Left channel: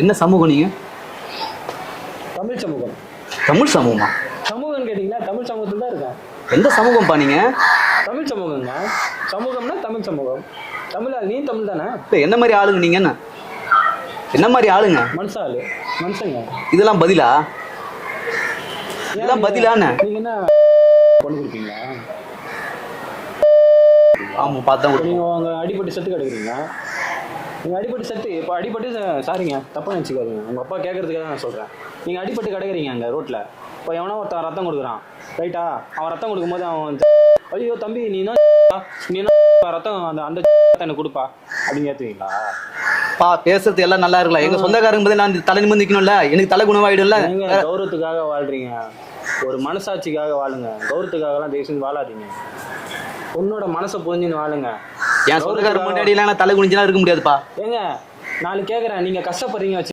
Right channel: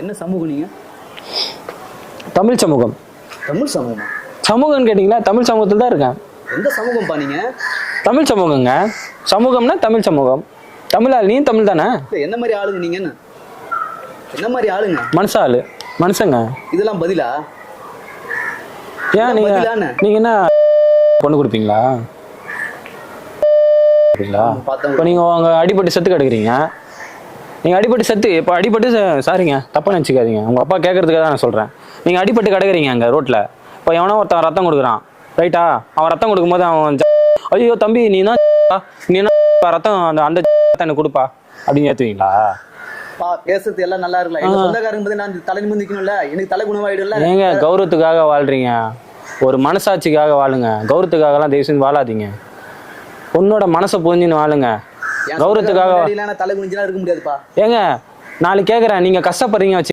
என்ன சமூகம் நீங்க? தமிழ் சமூகம். தமிழ் சமூகமா? சமூகம்னு கேட்டிங்கன்னா தமிழ் சமூகத்தில் தான் இருக்கேன். எந்த சமூகம்ப்பா நீங்க? தமிழ் சமூகங்க. சமூகம்னா தமிழ் சமூகம். தமிழ் ஆள், நீ தமிழ் தானே? என்ன மாதிரி ஆளுங்க நீங்க? என்ன மாதிரி ஆளுங்க? மனுஷ ஆளு, மனுஷங்க. இதெல்லாம் பதிலா? ஏன் பதிலான நீங்க என்ன பொண்ணு கொடுப்பீங்களா? இப்போ நீங்கள் உங்க அடிபட்டு செத்து கிடக்குறீங்க. நீங்கள் அடிபட்டு செத்து இப்போ அடிபட்டு சாரிங்க தப்பாக நினச்சிக்காதீங்க. உங்கள் அப்பா கேட்கறதுக்காக தான் நான் சொல்கிறேன். நீங்கள் அடிபட்டு கிடக்குறீங்க அங்கே ரோட்டில். இப்போ எவனோ ஒருத்தன் ரத்தம் கொடுக்குறான், ரைட்டா? அவன் ரத்தம் கொடுக்கும்போது அவன் ஐயோ தம்பி நீ ரத்தம் அந்த அந்த எனக்கு கொடுப்பா அப்படின்னு ஏற்றுவீங்களா? பா பேசுறது எல்லாம் நல்லா இருக்கலாம். எங்க சொந்தக்காரங்க பத்தி நான் தலை நிமிர்ந்து நிக்கணும்ல, எனக்கு தலை குணமாயிடும்ல. நீங்க கௌரவத்துக்காக வாழ்றீங்க, ஒரு மனசாட்சிக்காக வாழுங்க. கௌரவத்துக்காகலாம் தயவு செஞ்சு வாழாதீங்க. உன்னோட மனசை புரிஞ்சுன்னு வாழுங்க. என் கௌரவத்துக்காக தலை குனிஞ்செல்லாம் இருக்க முடியாதுப்பா. ஏங்க நாளைக்கு கேட்குறேன், நீங்க கஷ்டப்படுறீங்க வச்சு